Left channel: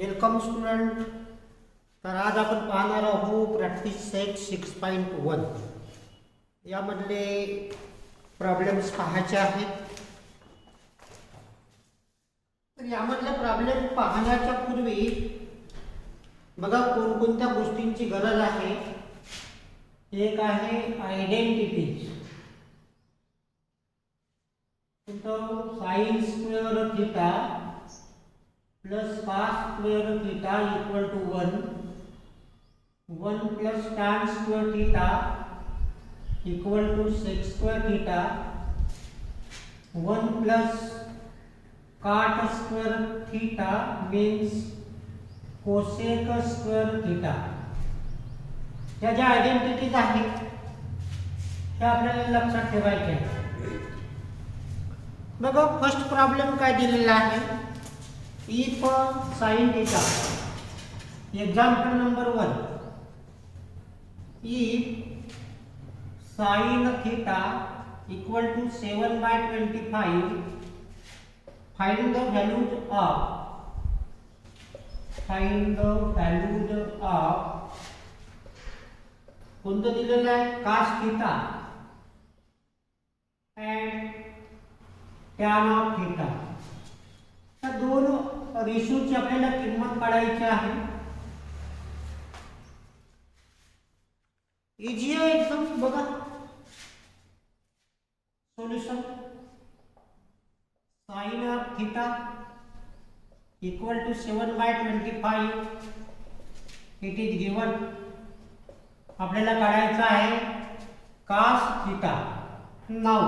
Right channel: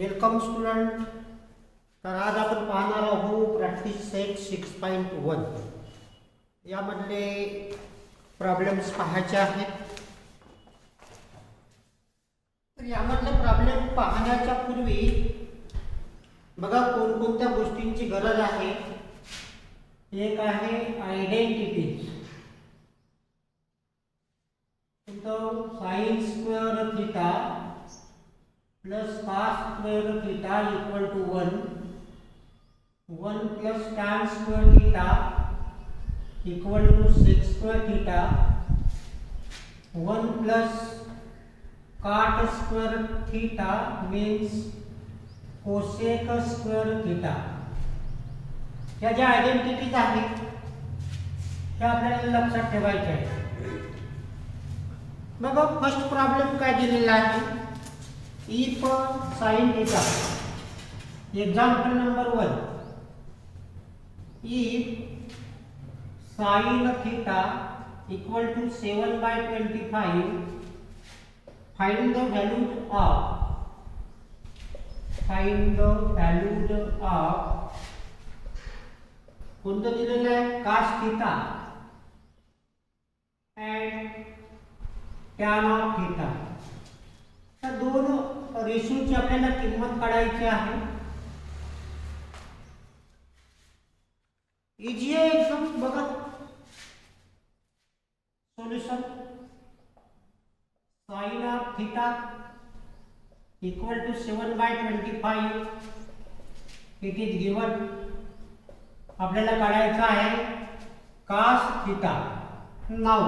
Welcome student. तर आज आपण पाहणार आहोत प्रॅक्टिस सेट 6.1. यामधले प्रॉब्लेम्स पाहायचे आहेत. तर यामधले प्रॉब्लेम पाहण्याच्या पूर्वी बघा कोणकोणत्या गोष्टींची गरज आहे. एक आहे identities. Sign square theta plus cos square theta equal to 1 plus tan square theta equal to sec square theta, 1 plus cot square theta means cosec square theta. या ज्या आयडेंटिटीज आहेत त्या आपल्याला लक्षात ठेवायच्या आहेत. बघा फर्स्ट प्रॉब्लेम काय दिलेला आहे. If sin theta, example number 1, if sin theta equal to 7/25, find the value of कोणतं दिलेलं आहे cos theta and tan of theta. त्या दोन रेशोची आपल्याला किंमत काढायची आहे. इजी आहे एकदम. बघा solution. Sine of theta equal to 7/25 it is given. आपल्याला काढायचा आहे cos theta. Now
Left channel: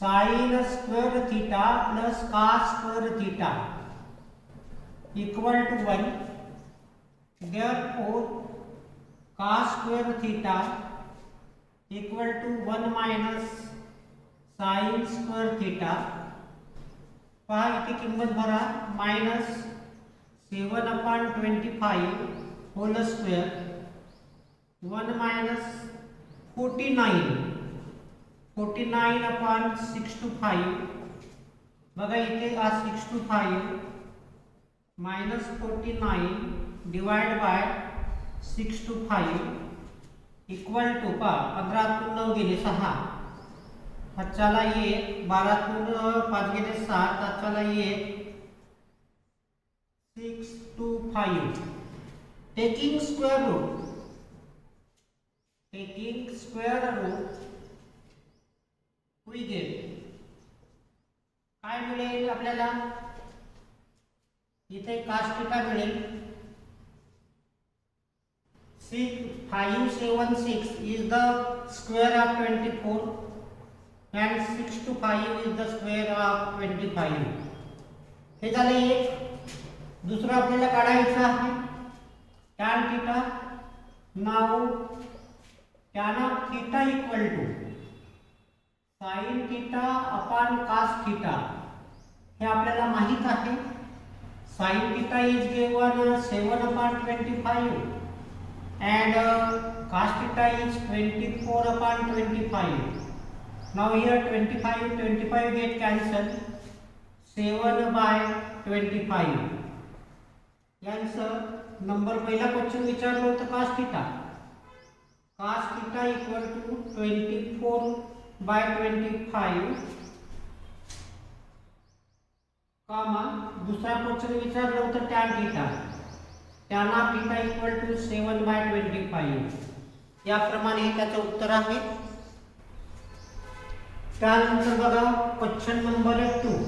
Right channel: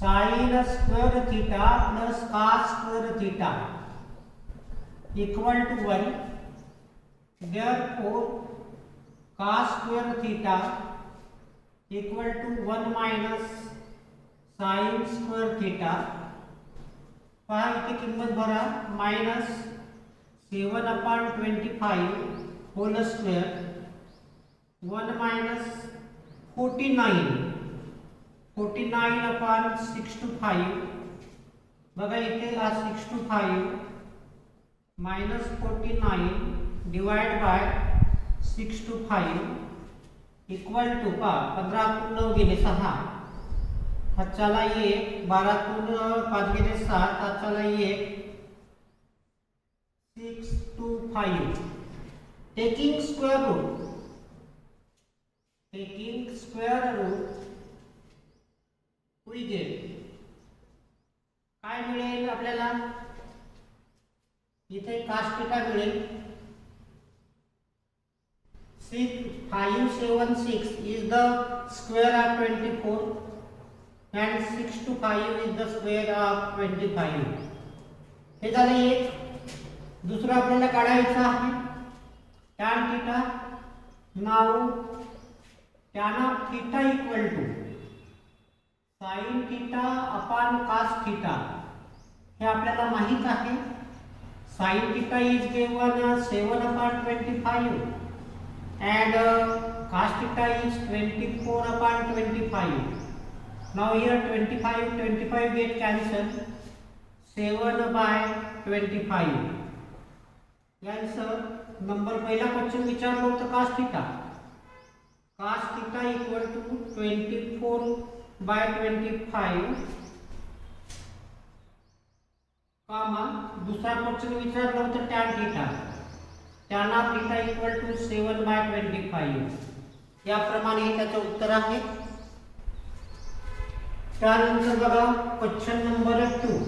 sin square theta plus cos square theta equal to 1. Therefore cos square theta equal to 1 minus sin square theta. पहा इथे किंमत भरा. Minus 7/25 whole square 1 minus 49/6/5. बघा इथे 6/5 minus 49 divide by 6/5 equal to 15 9 गेले 6. हातच्याला 1 12 5 गेले 7. हातच्याला 1 6/5. Taking square root we get काय मिळेल आपल्याला. इथे cos थीटा मिळेल 576 is the square of 24 and 6/5 is the square of 25. हे झालं एक. दुसरं आपल्याला काढायचं आहे tan theta. Now tan of theta equal to sin theta upon cos theta. हे आपल्याला माहित आहे. sin theta is given 7/25 and cos theta is 24/25. Now here 25 get cancelled. 7/25. Answer number पहिला क्वेश्चन विचारलं होतं cos theta. cos theta equal to 24/25 comma. दूसरा question विचारलं होतं tan theta. tan of theta equal to 7/25. याप्रमाणे त्याचं उत्तर आहे. त्यानंतर बघा क्वेश्चन नंबर 2.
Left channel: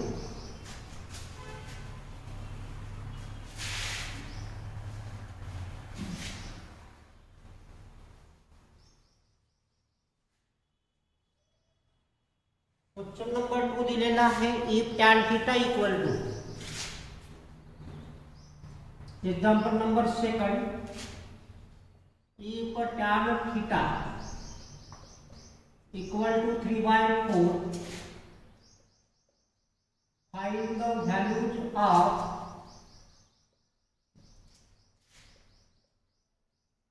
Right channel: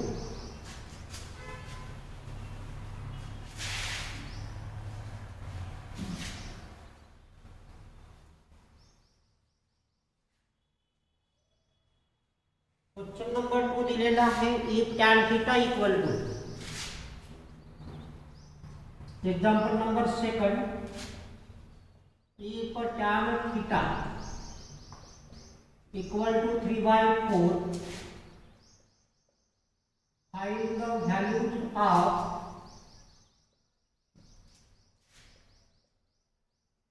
क्वेश्चन नंबर 2 दिलेला आहे. If tan theta equal to example number 2. If tan theta equal to 3/4 find the values of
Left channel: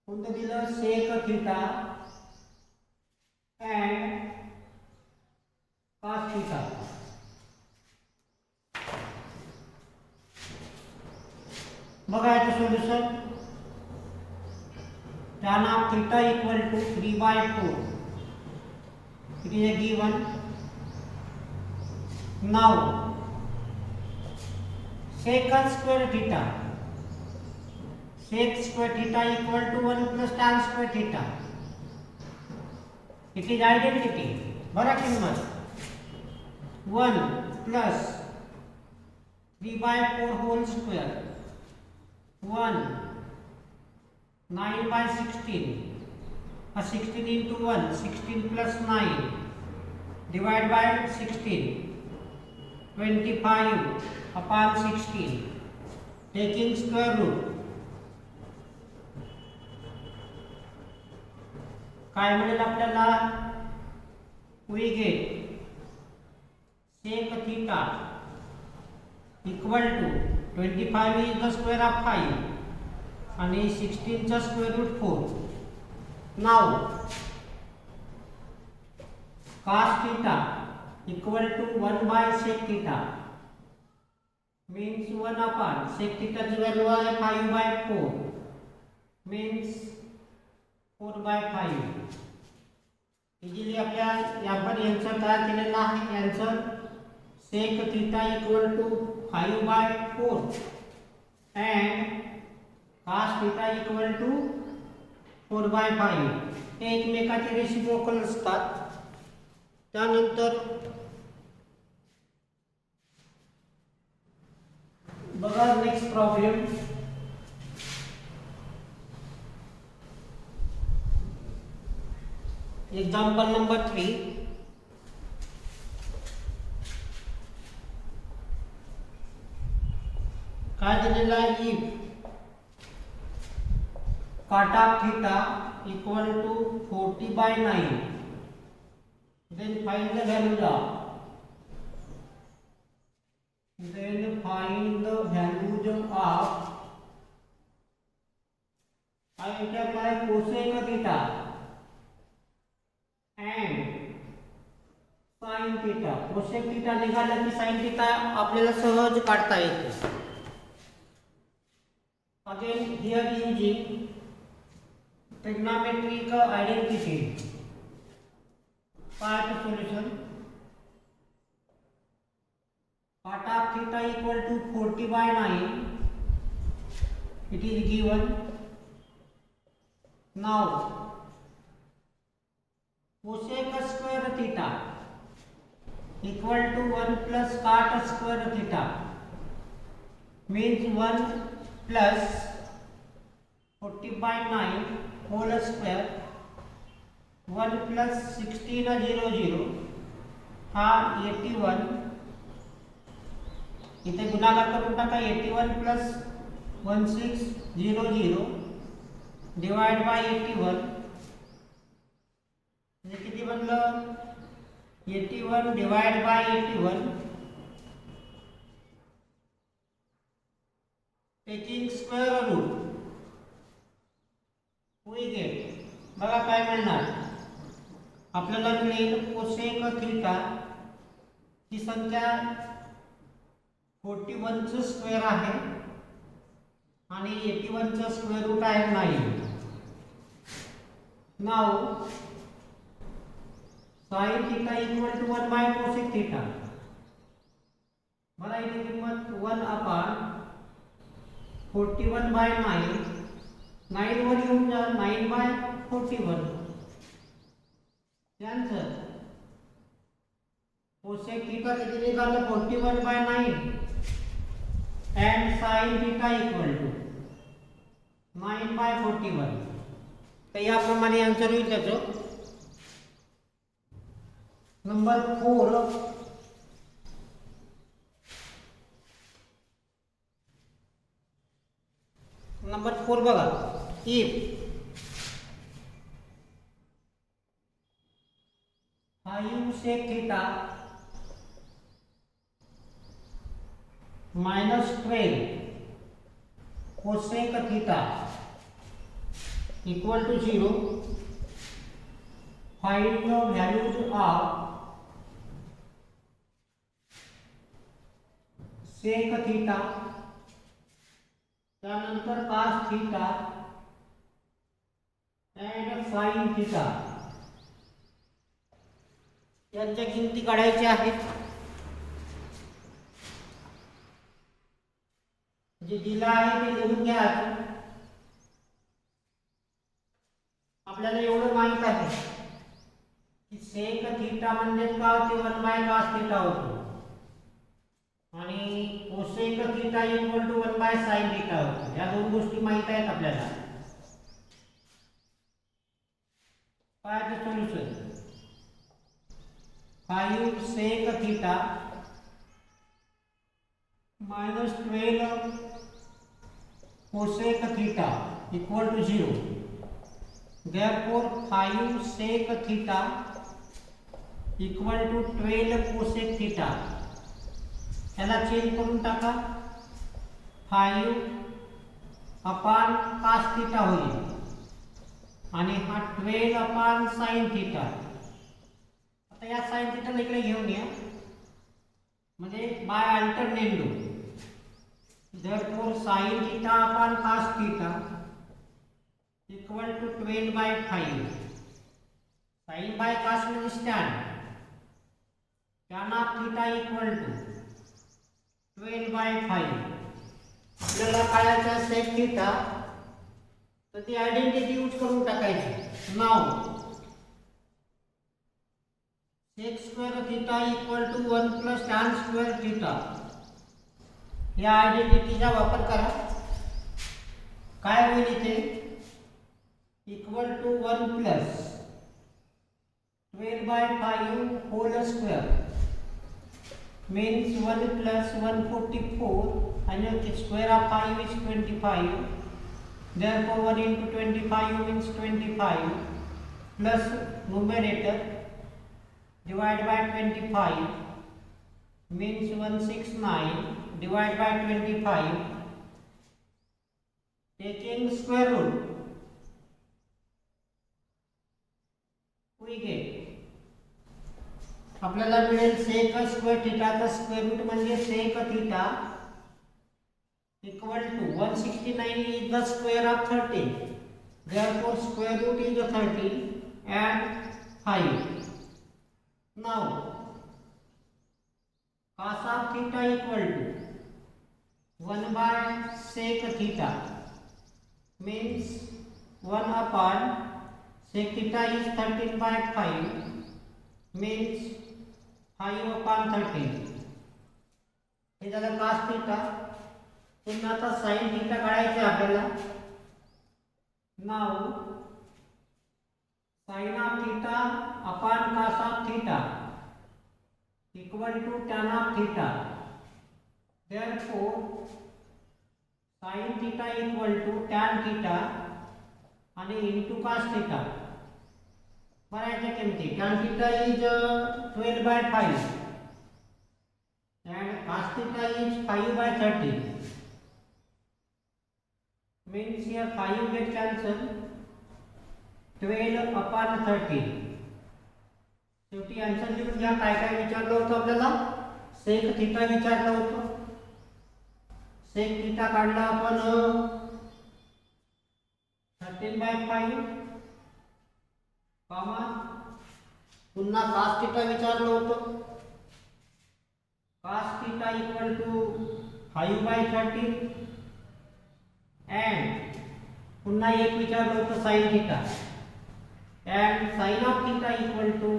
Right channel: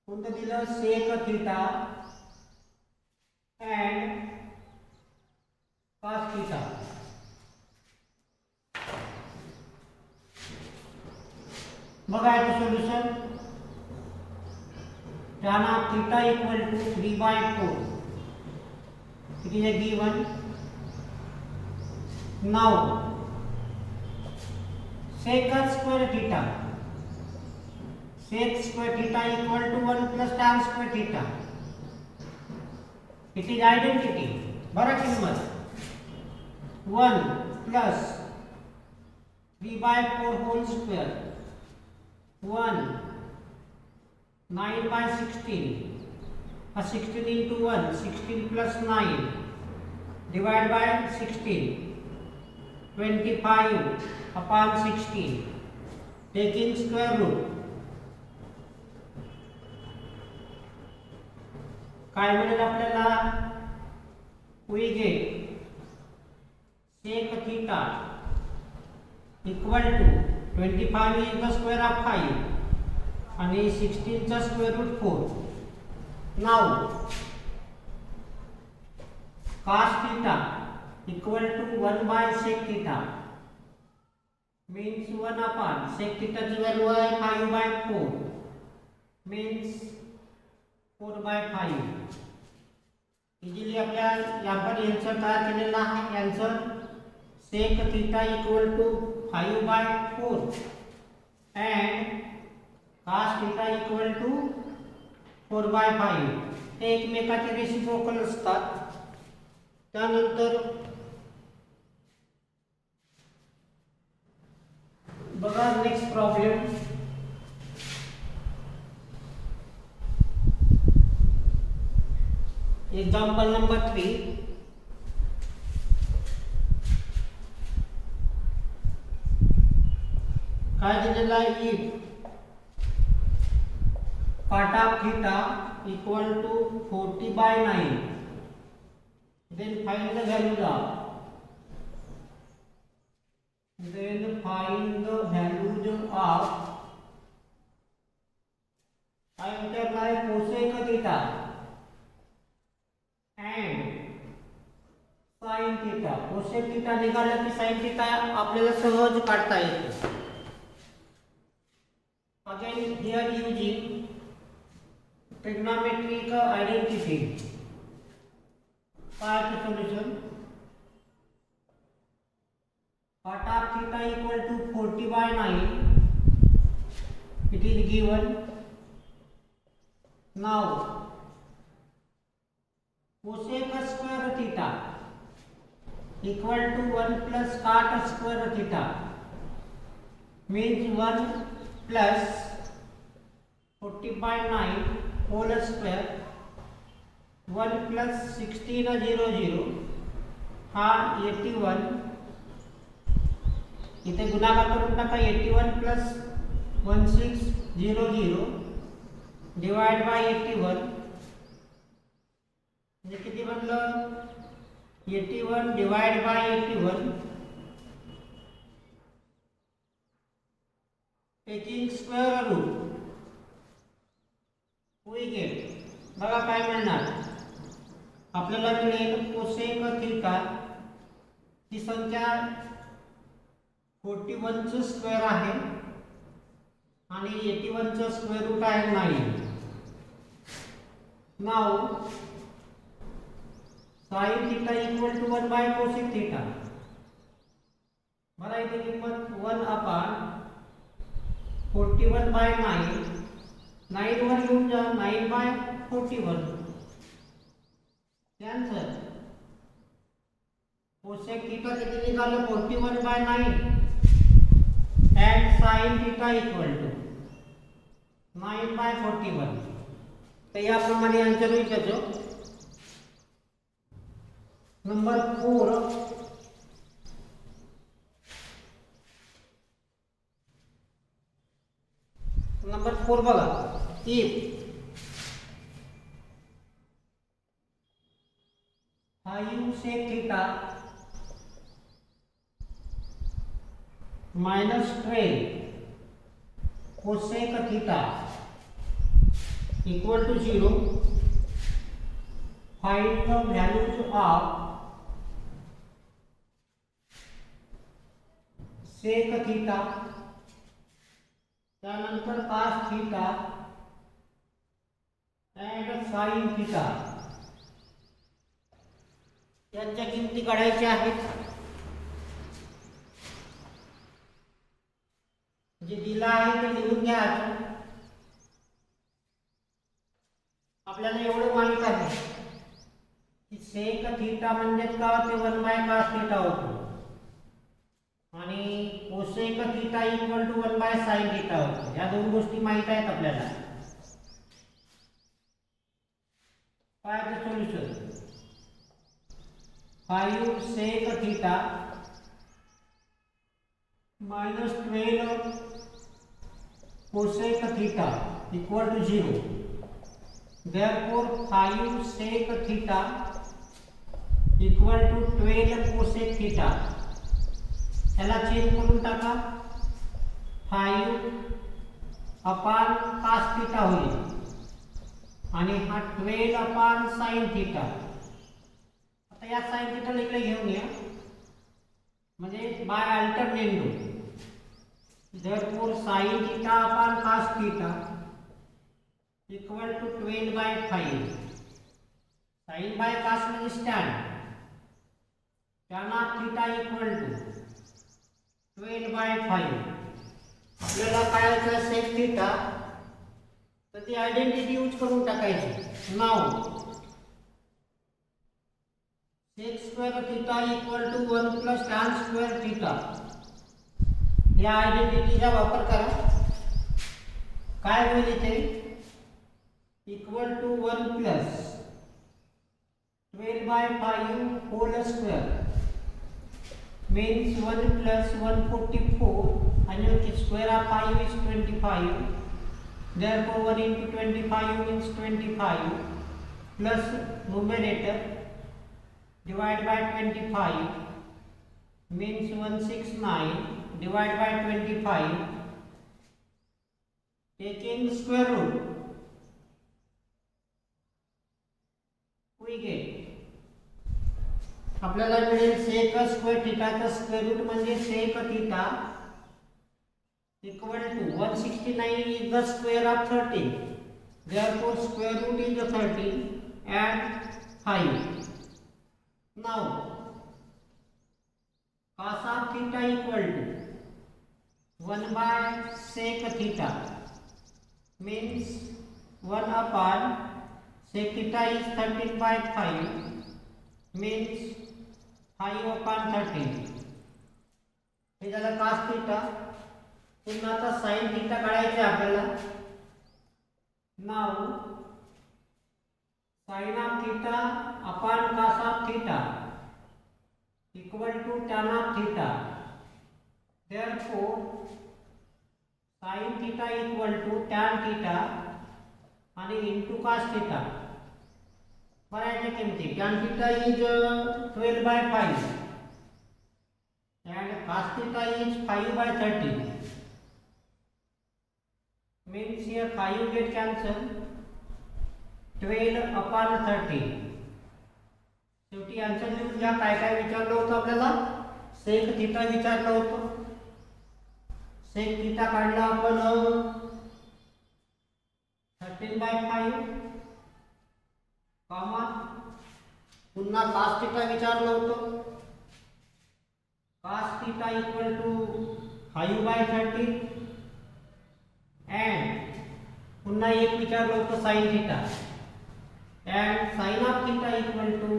कोणतं दिलं sec theta and cos theta. बघा याचं solution. tan of theta equal to 3/4. It is a given. Now sec square theta. Sec square theta equal to 1 plus tan square theta. It is identity. बरा किंमत 1 plus 3/4 whole square 1 9/16 16 into 1 16 plus 9 divided by 16 25 upon 16 taking square root. काय मिळेल आपल्याला? we get sec theta equal to 25 is the square of 5 आणि 16 चा square root 4. Now cos theta equal to 1 by sec theta means 1 upon sec theta ची व्हॅल्यू आहे 5/4 means 4/5. इजिली आपल्या यावर यांचं काय केलेलं आहे? यांचं sec theta equal to 5/4 and cos theta equal to 4/5 हे एकमेकाचे रेसिप्रोकल असतात. त्यानंतर बघा नेक्स्ट प्रॉब्लेम. Example number 3. काय दिलेलं आहे? If cot of theta equal to 40/9 then find the values of I multiply cosec theta and sin theta. cosec theta निघाला की sin theta आपल्याला सहज काढता येते. Again here using trigonometric identity. Part solution. Cot of theta equal to 40/9. It is given. Now cosec square theta equal to 1 plus cot square theta means 1 plus 40/9 whole square 1 plus 16/00 हा 81. इथे गुणाकार करून टाका. 81 plus 1600 डिवाइड बाय 81 म्हणजे किती बनलं? 81 divide by 81 taking square root we get. बघा काय मिळणार? आपल्याला मिळेल cosec theta ही संख्या 41 चं स्क्वेअर आहे आणि 81 चं स्क्वेअर रूट आहे 9. Now sin theta equal to 1 by cosec theta. बघा इथे किंमत 1 upon 41/9 9 वर येऊन जा 9/41. त्यानंतर cosec theta किती निघालं? 41/9 and sin theta equal to 9/41. तर याप्रमाणे आन्सर येईल त्याचं. नंबर 4. नंबर 4 बघा. if 5 sec theta minus 12 cosec theta equal to 0, find the values of sec theta त्यानंतर cos theta and sin theta यांच्या किमती काढायच्या आहेत. जे दिला आहे ते लिहून घ्या. आपल्याला एवढं माहित आहे की सेक थीटा म्हणजे का ते 1/cos थीटा होतो आणि cosec theta equal to 1/sin theta होतो. या दोन गोष्टी माहित आहेत आपल्याला. काय ते solution 5 sec theta minus 12 cosec theta equal to 0. Therefore 5 sec theta equal to 12 cosec theta. याला चेंज करून टाका. 5 अपॉन cos थीटा होईल आणि हा 12 अपॉन sin थीटा. आता या sin थीटा इकडे घेऊन या म्हणजे by alternative. Therefore sin theta upon cos theta equal to 12/5. sin by cos म्हणजे tan. tan of theta equal to 12/5. आपल्याला काढायचा sec theta तर ती आयडेंटिटी यूज करून टाकायची. नाव sec square theta equal to 1 plus tan square theta. या आयडेंटिटीचा वापर करा. काय होईल इथे equal to 1 plus 12/5 whole square means 1 plus 144 and square of 5 is 25. Therefore 1 into 25 means 25 plus numerator divide by 25 means 169 divide by 25 taking square root we get आपल्याला मिळेल sec स्क्वेअर थीटाचा स्क्वेअर रूट म्हणजे sec theta equal to 169 is the square of 13. Therefore square root is 13 and 5. Now cos of theta equal to 1/sec theta means 1 upon sec theta is 13/5 means 5 upon 13. हे झालं cos theta. पुन्हा आता sin theta काढायचे आपल्याला. नाव sin of theta upon cos of theta equal to tan of theta. Therefore sin theta equal to tan theta आणि into cos theta. बऱ्याचशा किमती tan theta is 12/5 and cos theta is 5/13 means here 5 get cancelled. 12 upon 13. शेवटी आन्सर लिहून घ्या. काय काय विचारलं होतं आपल्याला सेक थीटा विचारलं होतं. सेक थीटा काढला आपण 13/5 कॉमा पुन्हा cos थीटा विचारलं होतं. cos theta equal to 5/13 and पुन्हा एक विचारलं होतं sin theta and sin of theta equal to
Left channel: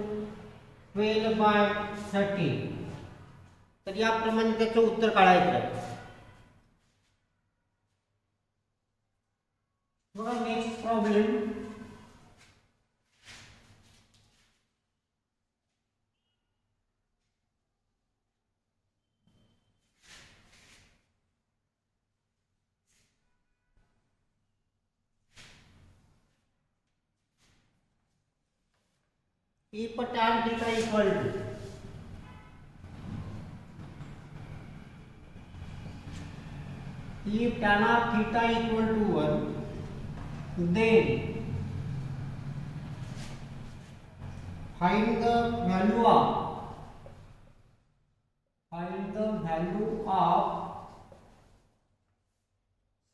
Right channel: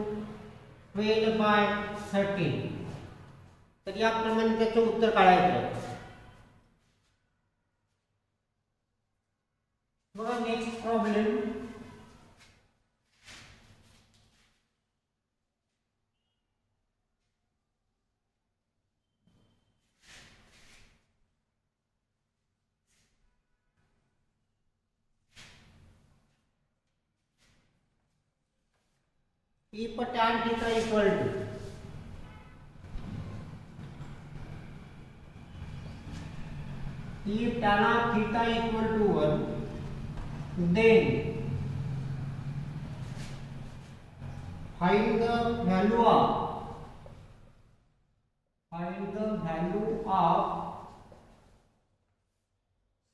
12/13. तर याप्रमाणे त्याचं उत्तर काढायचं आहे. बघा next problem. if tan theta equal to if tan of theta equal to 1 then find the value of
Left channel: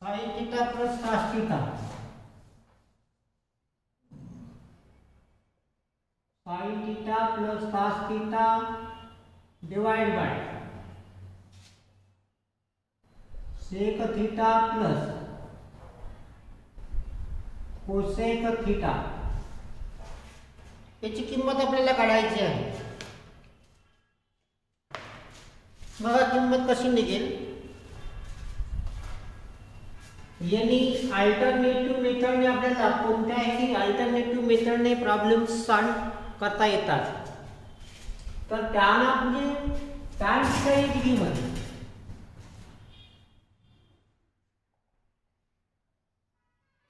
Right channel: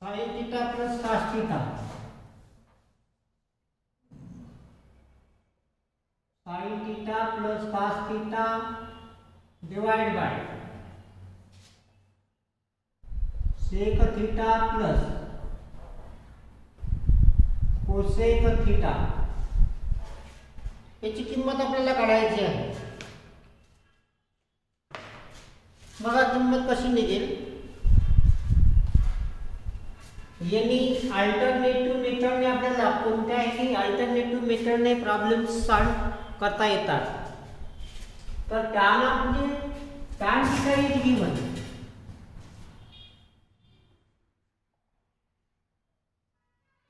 sin theta plus cos theta, sin theta plus cos theta divide bye sec theta plus cosec theta, याची किंमत आपल्याला काढायची आहे. बघा किंमत कशी निघेल. यांनी अल्टरनेटिव्ह मेथडने आपल्याला कोणत्याही अल्टरनेटिव्ह मेथडने प्रॉब्लेम सॉल्व करता येतात. तर त्यांना म्हणजे tan theta is given,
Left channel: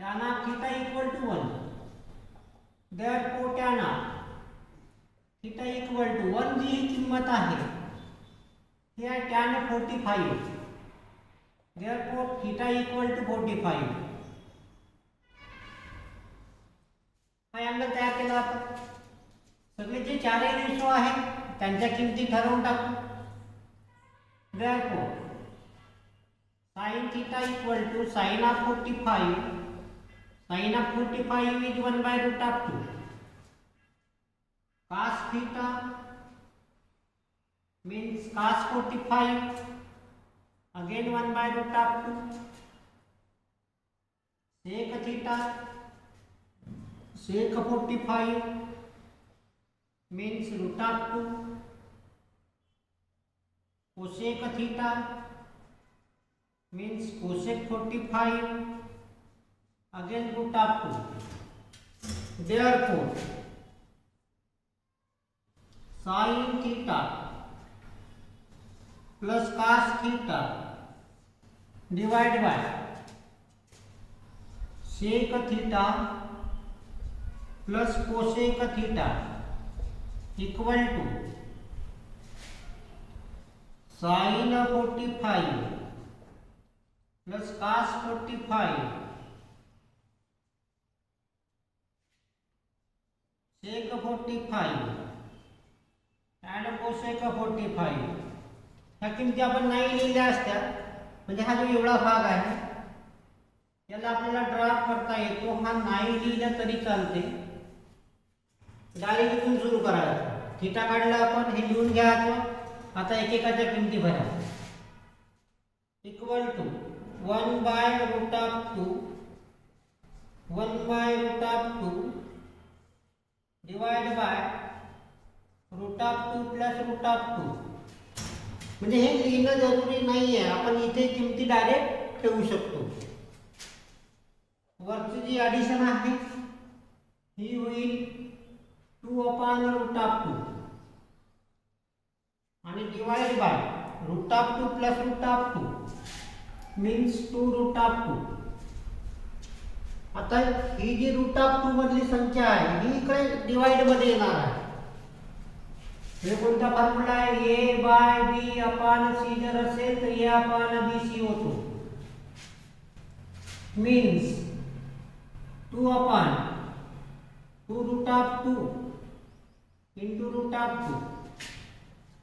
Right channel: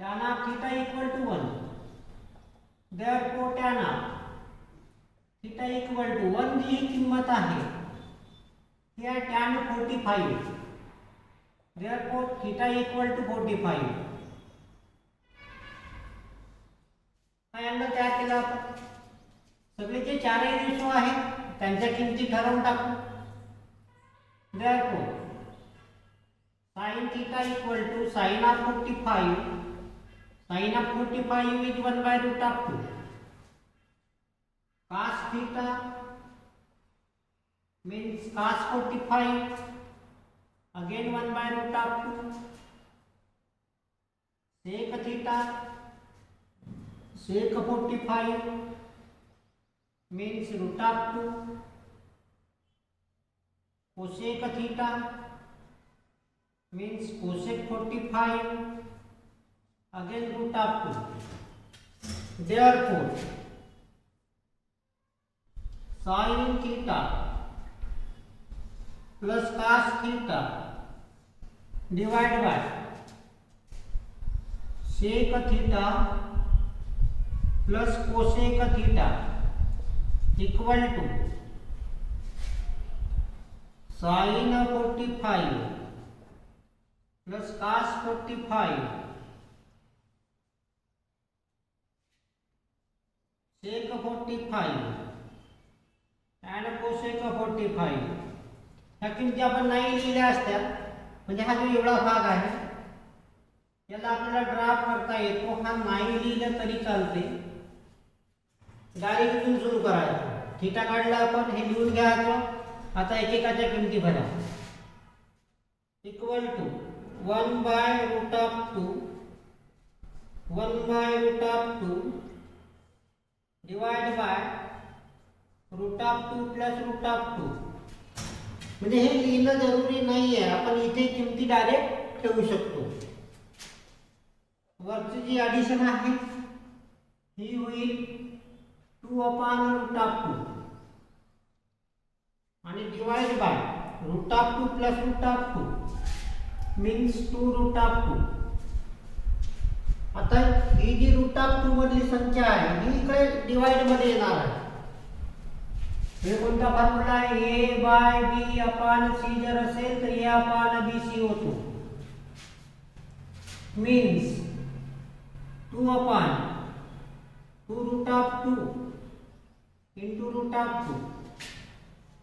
tan of theta equal to 1, therefore tan of theta equal to 1 जी किंमत आहे ही आहे tan 45, therefore theta equal to 45. हा अँगल तयार केला आपण. सगळे जे चारही रेशो आहेत त्यांच्या किमती ठरवून टाकू. therefore sin theta equal to sin of 45, sin of 45 is 1 by root of 2, cos theta means cos 45 again 1 by root of 2, sec theta sec 45 means root of 2, cosec theta means cosec 45 again root of 2. Therefore sin theta plus cos theta divided by sec theta plus cosec theta equal to sin 45 plus cos 45 sec 45 and cosec 45. ह्या किमती आपण नाही लिहिल्या असत्या म्हणजे हा जो एवढा भाग आहे याला आपल्याला ड्राफ्ट करता येतो. हा नाही लिहिला तरी चालते, डायरेक्ट इथून सुरू करायचं. थीटा काढला आपण, हे लिहून घ्यायचं. आता एकेकाच्या किमती भरा. Equal to 1 by root of 2, 1 by root of 2 divide by root of 2 plus root of 2. म्हणजे हे लिहिणं जरुरी नाही आहे, आपण इथे किमती डायरेक्ट ठेवू शकतो. वरची जी ॲडिशन आहे ही होईल 2 अपॉन रूट ऑफ 2 आणि divide by root of 2 plus root of 2 means 2 root of 2. आता ही जी रूट ऑफ 2 मधली संख्या आहे ही इकडे डिवाइड मध्ये येणार आहे. हे कोणता फॉर्म्युला आहे? A by B upon C जर असेल तर ए अपॉन बी सी होतो. Means 2 upon 2 root of 2 into root of 2.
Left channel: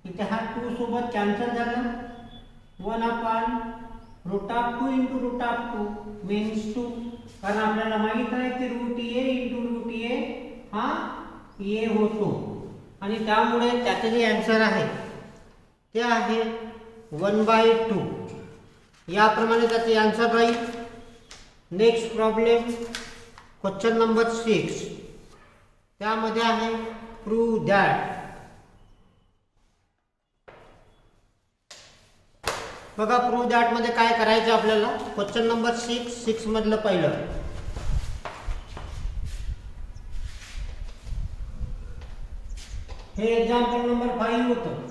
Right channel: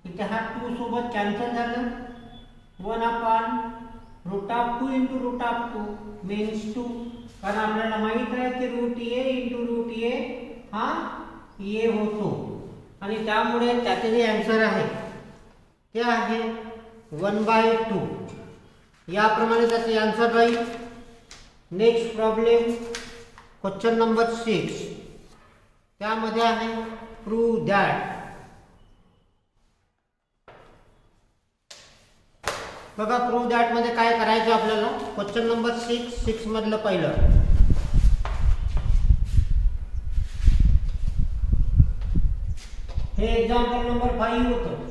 इथे हा 2 सोबत कॅन्सल झालं. 1 upon root of 2 into root of 2 means 2. कारण आपल्याला माहित आहे की root A into root A हा ए होतो आणि त्यामुळे त्याचे जे आन्सर आहे ते आहे 1/2. याप्रमाणे त्याचे आन्सर राहील. नेक्स्ट प्रॉब्लेम क्वेश्चन नंबर 6, त्यामध्ये आहे प्रूव्ह दॅट. बघा प्रूव्ह दॅट मध्ये काय करायचं आपल्याला. क्वेश्चन नंबर 6 मधलं पहिलं, हे एक्झाम्पल नंबर 5 होतं.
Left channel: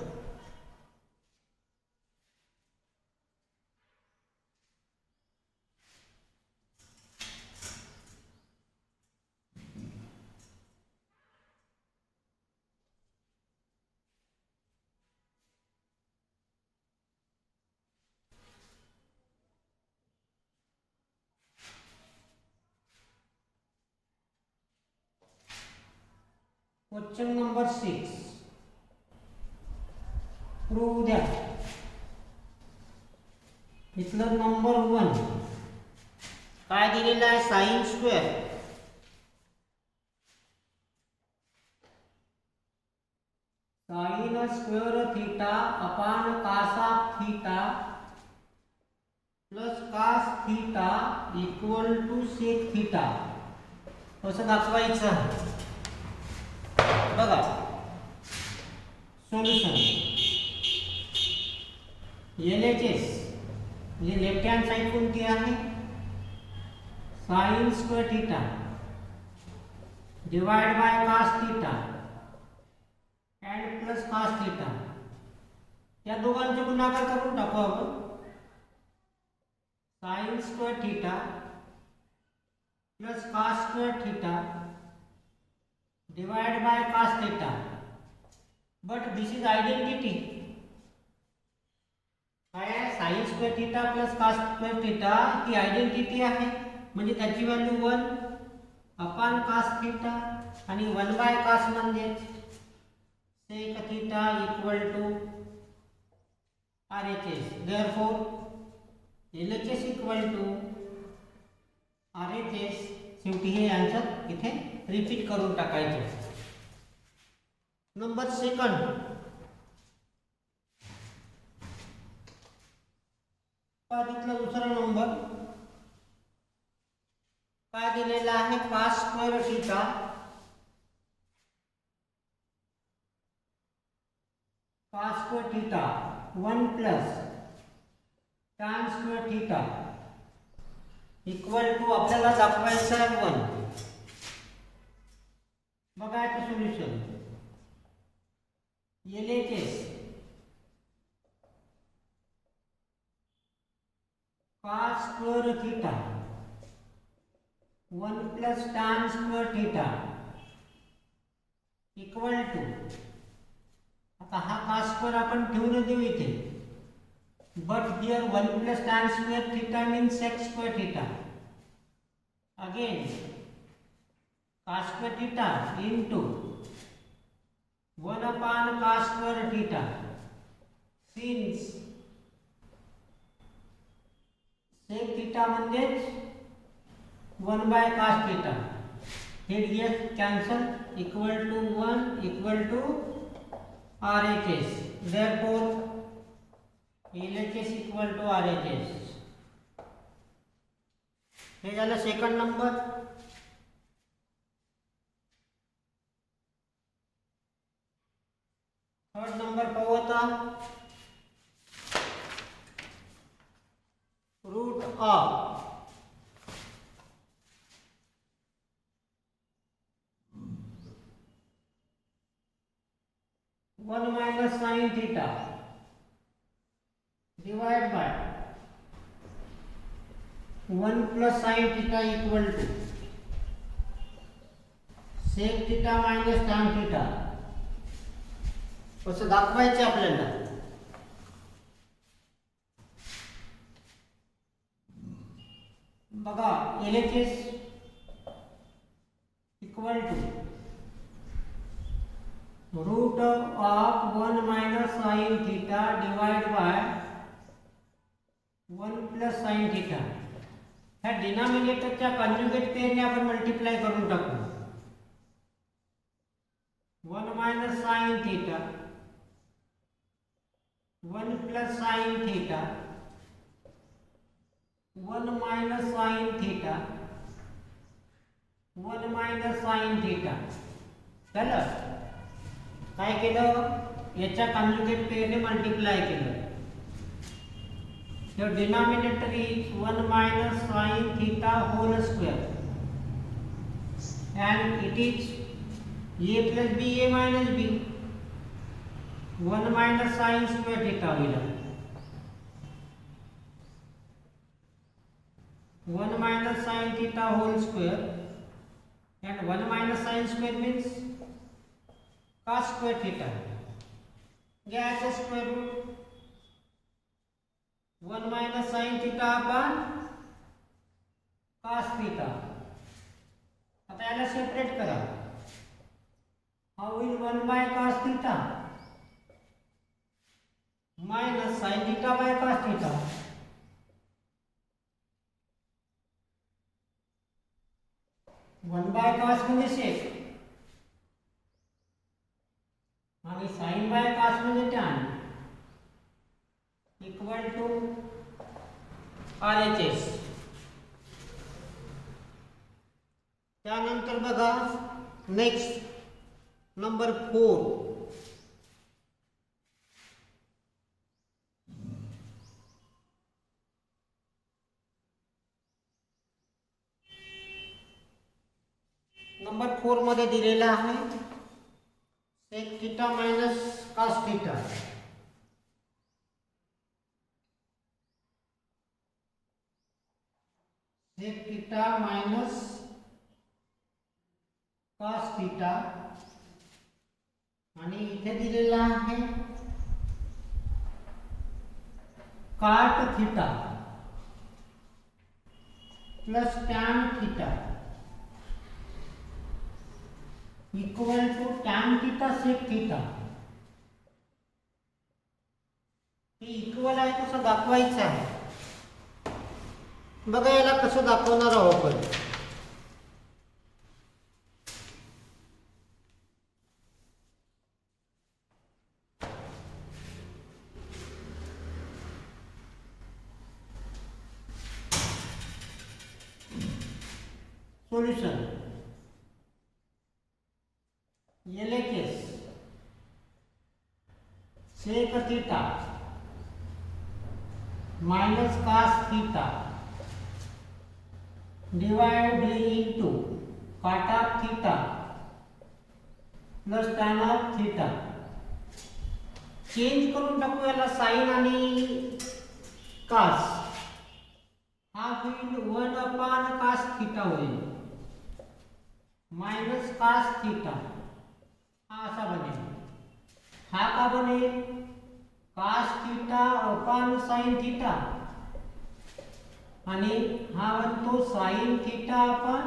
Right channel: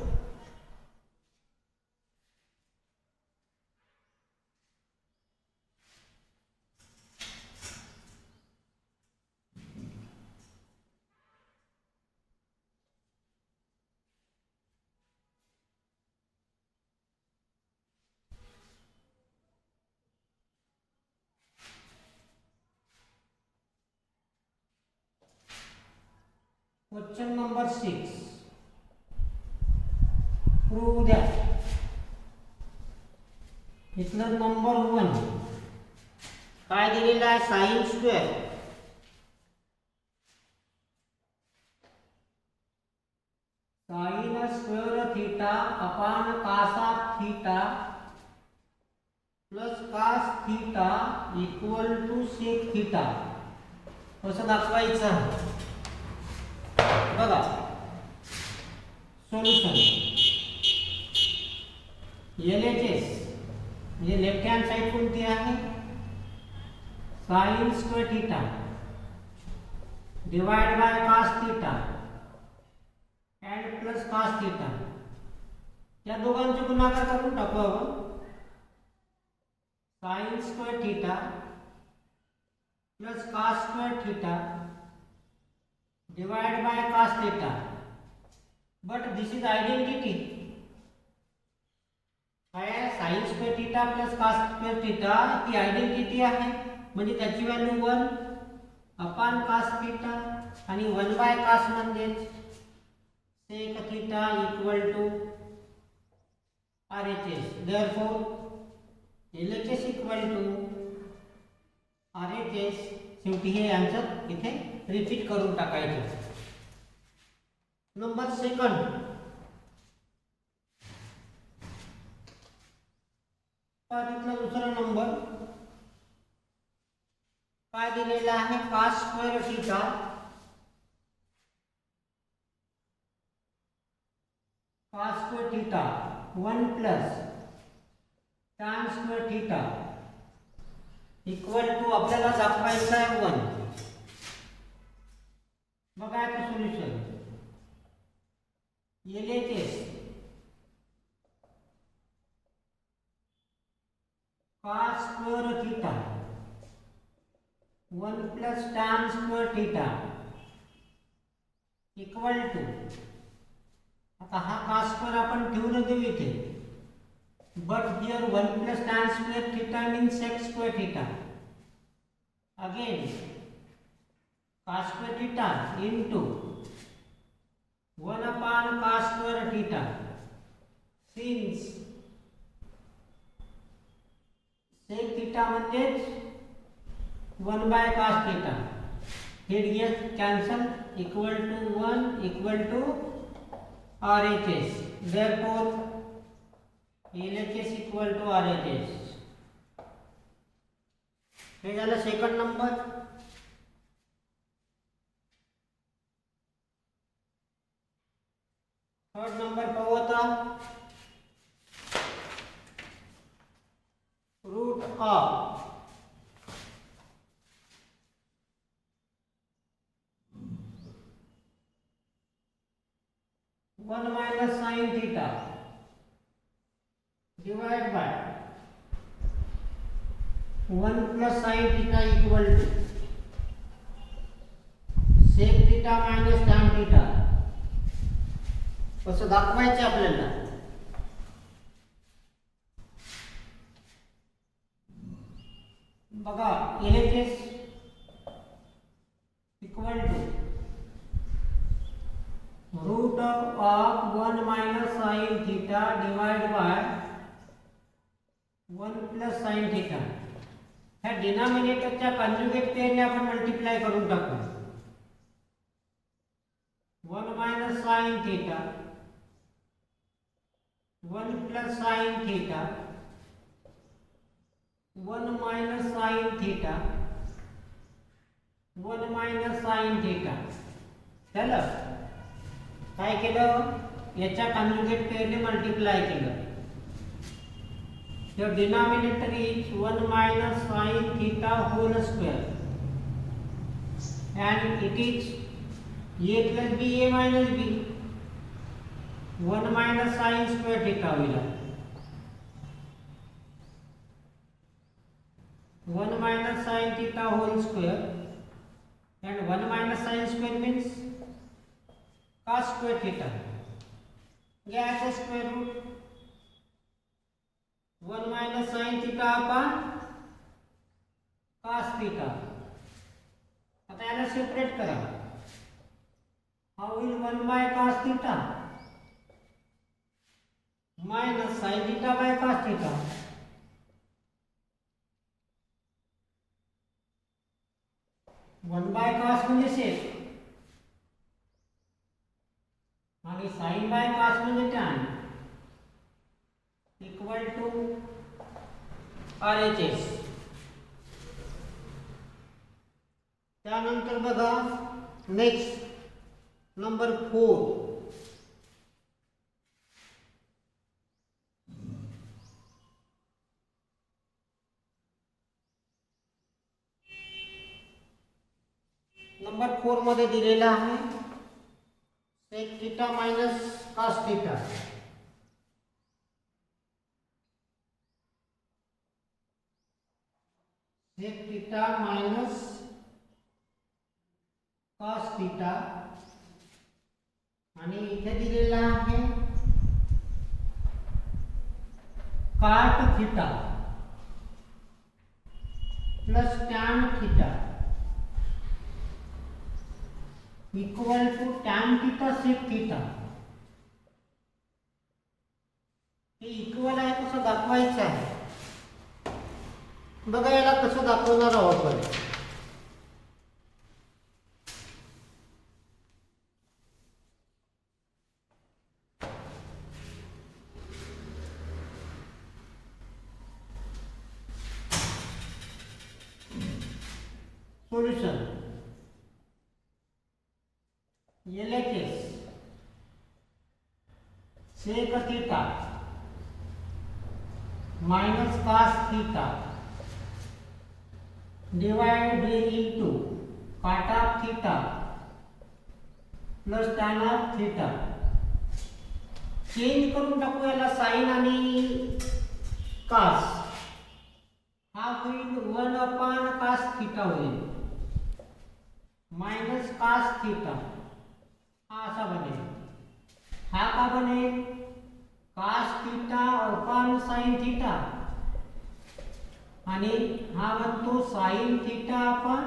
Question number 6, prove that. इथलं नंबर 1 काय दिलेलं आहे sine square sine square theta upon cos of theta plus cos theta equal to sec theta असं दाखवायचं. बघा सोल्युशन LHS म्हणजे लेफ्ट हँड साइड कोणती आहे sine square theta divide by cos theta and plus cos theta या दोघांचे गुणाकार करून टाकू आपण. Sine square theta plus cos square theta divided by cos theta, but this is identity. काय sin square theta plus cos square theta ही आयडेंटिटी आहे म्हणजे त्याची व्हॅल्यू 1 अपॉन cos theta आणि 1 बाय cos म्हणजे sec theta equal to RHS. Therefore LHS equal to RHS. शेवटी हे आन्सर इथे रिपीट करून टाकायचं. नंबर सेकंड पारीतला दुसरा नंबर काय दिलेला आहे cos square theta cos square theta 1 plus tan square theta equal to आपल्याला दाखवायचं आहे 1. बघा याचं solution LHS cos square theta 1 plus tan square theta equal to आता हा cos स्क्वेअर आपण ठेवून देऊ इथे but here 1 plus tan square theta means sec square theta. Again cos square theta into 1 upon cos square theta. Since sec theta म्हणजेच 1 by cos theta. Here yes cancel equal to 1 equal to RHS. Therefore LHS equal to RHS. हे झालं second number. Third number पाहू आता. Root of one minus sine theta divide by 1 plus sin theta equal to sec theta minus tan theta असं दाखवायचं आपल्याला. बघा LHS equal to root of 1 minus sin theta divided by 1 plus sin theta. ह्या डिनॉमिनेटरच्या कॉन्जुगेट पेअरने आपण मल्टिप्लाय करून टाकू. 1 minus sin theta 1 plus sin theta 1 minus sin theta 1 minus sin theta. झालं. काय केलं याच्या कॉन्जुगेट पेअरने मल्टिप्लाय केलं. The denominator is 1 minus sin theta whole square and it is a plus b a minus b 1 minus sin square theta will 1 minus sin theta whole square and 1 minus sin square means cos square theta. Get the square root 1 minus sin theta upon cos theta. आता याला सेपरेट करा. How will 1 by cos theta minus sin theta by cos theta. One by cos म्हणजे सेक आणि sign by cos म्हणजे tan equal to RHS. त्यानंतर बघा next number 4. नंबर 4 मध्ये दिलेला आहे sec theta minus cos theta. Sec theta minus cos theta आणि इथे दिलेला आहे cot theta plus tan theta equal to tan theta sec theta. हे इक्वल आहे कसं दाखवायचं आहे बघा. याला कसं दाखवणार आहोत आपण. Solution LHS sec theta minus cos theta divide into cot of theta plus tan of theta. Change करून टाकू याला साइन आणि कॉस. हा होईल 1 कॉस थीटा होईल माइनस कॉस थीटा. हा असा बनेल. हा का बनेल cos theta upon sine theta आणि हा बनतो sine theta upon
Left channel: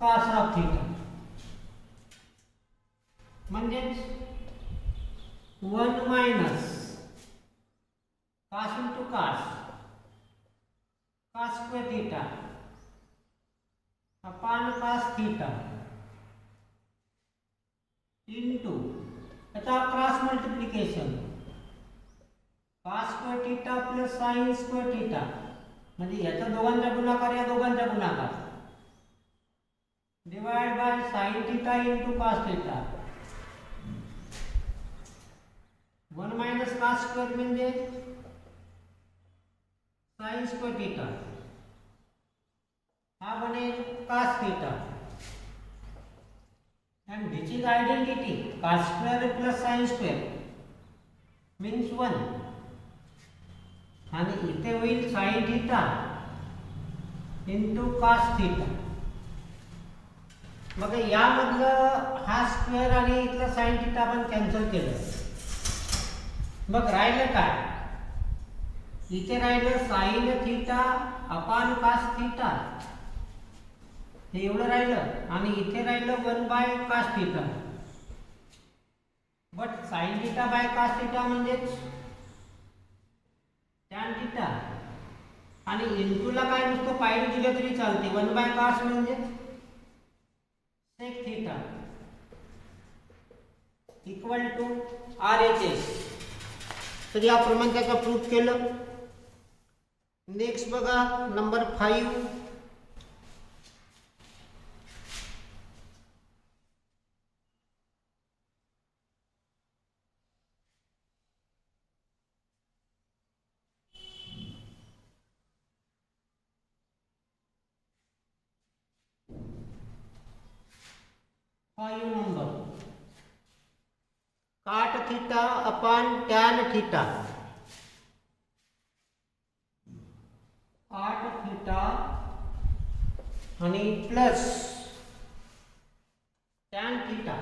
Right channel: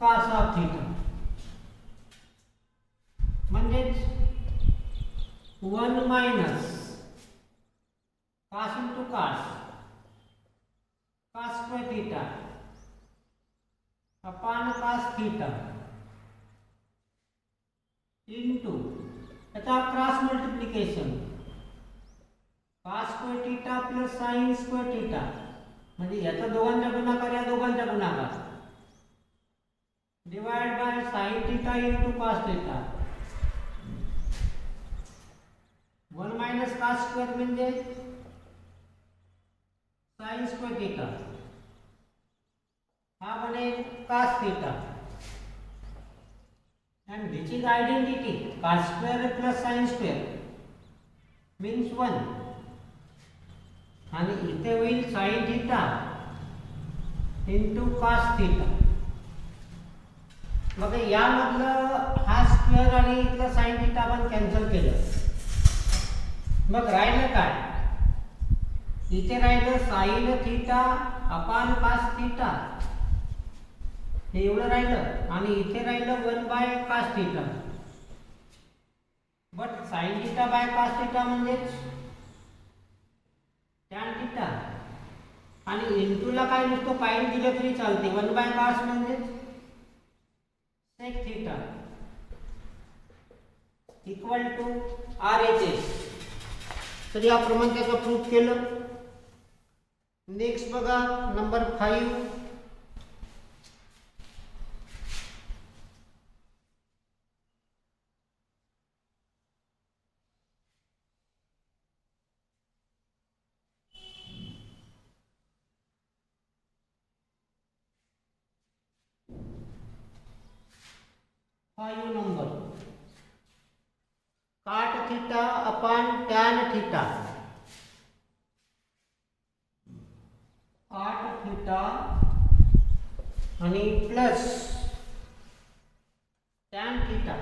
cos of theta. म्हणजेच 1 minus cos into cos cos square theta upon cos theta into त्याचा cross multiplication cos square theta plus sign square theta म्हणजे याचा दोघांचा गुणाकार या दोघांचा गुणाकार divide by sine theta into cos theta. 1 minus cos square म्हणजे साइन स्क्वेअर थीटा. हा बनेल cos theta and which is identity cos square plus sin square means 1 आणि इथे होईल sin theta into cos theta. मग यामधलं हा स्क्वेअर आणि इथलं sin theta आपण कॅन्सल केलं. मग राहिलं काय इथे राहिलं sin theta upon cos theta हे एवढं राहिलं आणि इथे राहिलं 1 bye cos theta. But sin theta by cos theta म्हणजेच tan थीटा आणि इनटूला काय नुसतं पाय दिलं तरी चालते. 1 बाय cos म्हणजे sec theta equal to RHS. तर याप्रमाणे त्याचा प्रूफ केलं. नेक्स्ट बघा number 5. Number cot theta upon tan theta. cot theta आणि plus tan theta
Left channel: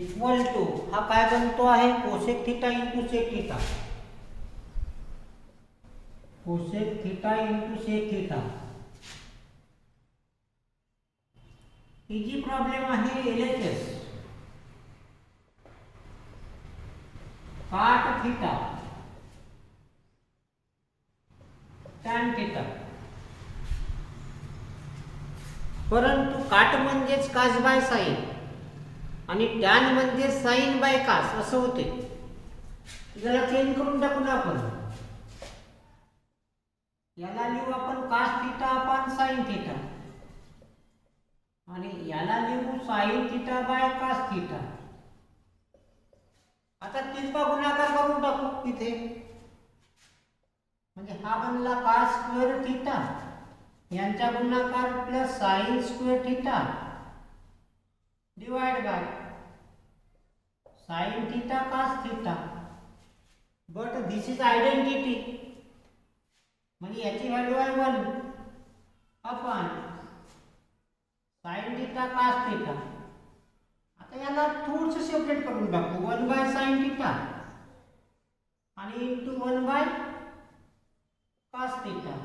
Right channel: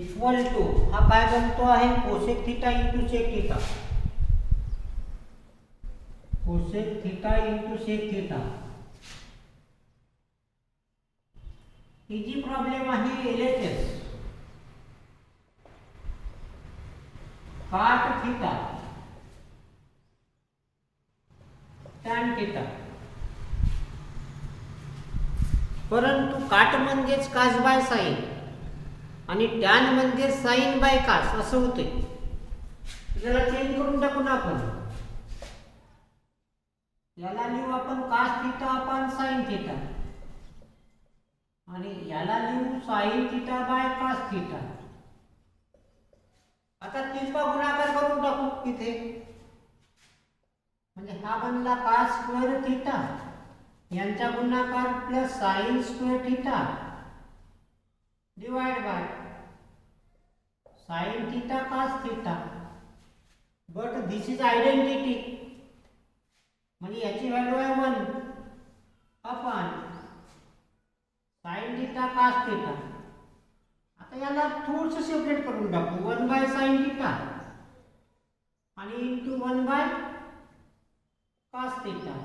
equal to हा काय बनतो आहे cosec theta into sec theta. Cosec theta into sec theta. Easy problem आहे LHS. cot theta tan theta परंतु cot म्हणजेच cos by sine आणि tan म्हणजे साईन बाय कास असं होते. याला चेंज करून टाकू ना आपण. याला लिहू आपण cos theta upon sine theta आणि याला लिहू sine theta by cos theta. आता तिसरा गुणाकार करून टाकू इथे. म्हणजे हा बनला कास स्क्वेअर थिटा यांचा गुणाकार plus sine square theta divide by sine theta cos theta. But this is identity म्हणजे याची व्हॅल्यू आहे 1 upon sine theta cos theta. आता याला थोडंसं सेपरेट करून टाकू. 1 बाय साईन थिटा आणि into 1 by cos theta.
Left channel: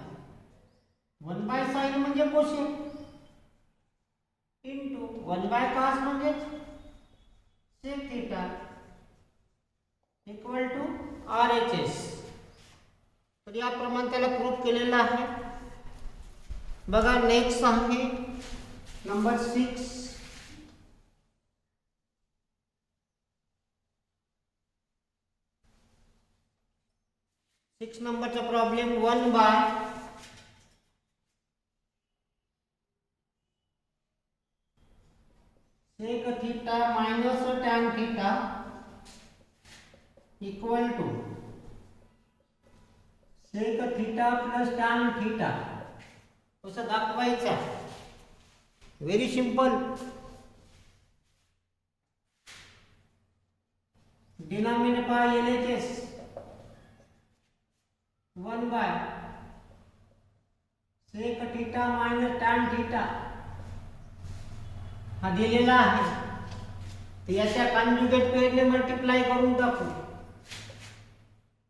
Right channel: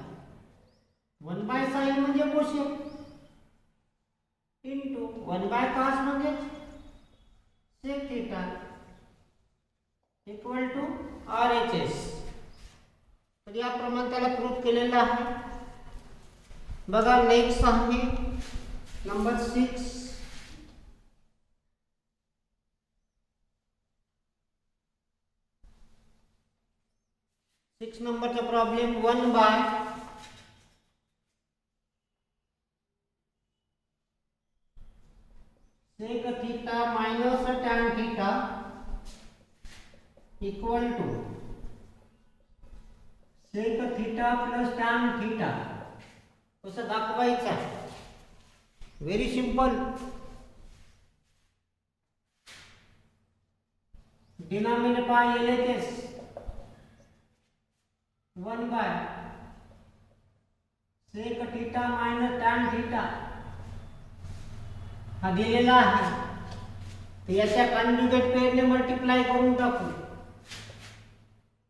1 by sine म्हणजे कोसेक इंटू 1 बाय कास म्हणजे sec theta equal to RHS. तर याप्रमाणे त्याला प्रूफ केलेलं आहे. बघा नेक्स्ट आहे नंबर 6. नंबरचा problem 1 by sec theta minus tan theta equal to sec theta plus tan theta. कसं दाखवायचं? Very simple. Denominator by LHS 1 by sec theta minus tan theta हा दिलेला आहे. तर याच्या कॉन्जुगेट पेअरने मल्टिप्लाय करून टाकू.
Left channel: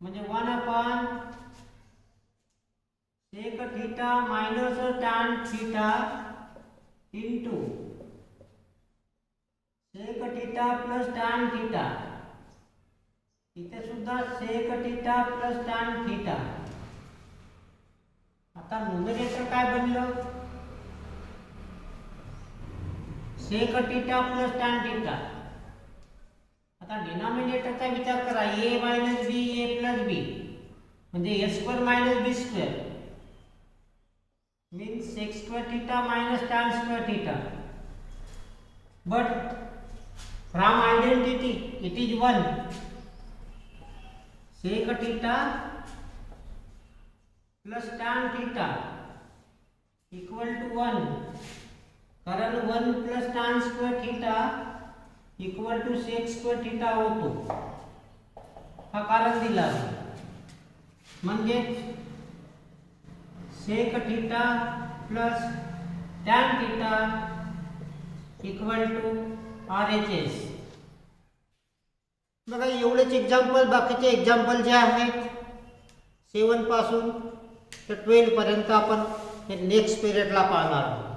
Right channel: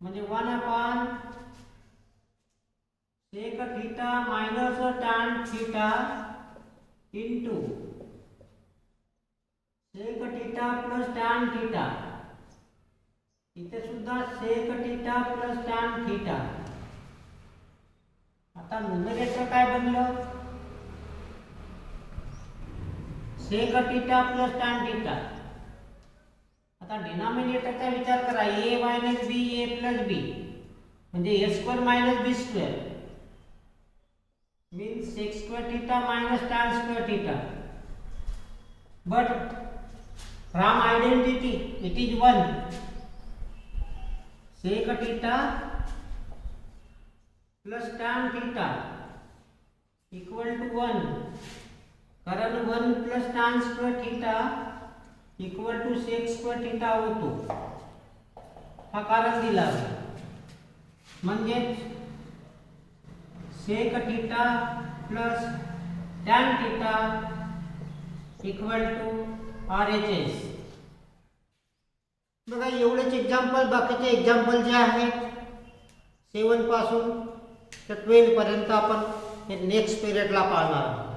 म्हणजे 1 upon sec theta minus tan theta into sec theta plus tan theta. इथे सुद्धा sec theta plus tan theta. आता न्यूमरेटर काय बनलं? Sec theta plus tan theta. आता डिनॉमिनेटरचा विचार करा. a minus b a plus b म्हणजे a square minus b square means sec square theta minus tan square theta. But from identity it is 1. Sec theta plus tan theta equal to 1. कारण 1 plus tan square theta equal to sec square theta होतो. हा कारण दिला आहे. म्हणजे sec theta plus tan theta equal to RHS. बघा एवढेच एक्झाम्पल. बाकीचे एक्झाम्पल जे आहेत 7 पासून तर 12 पर्यंत आपण नेक्स्ट पिरियडला पाहणार आहोत.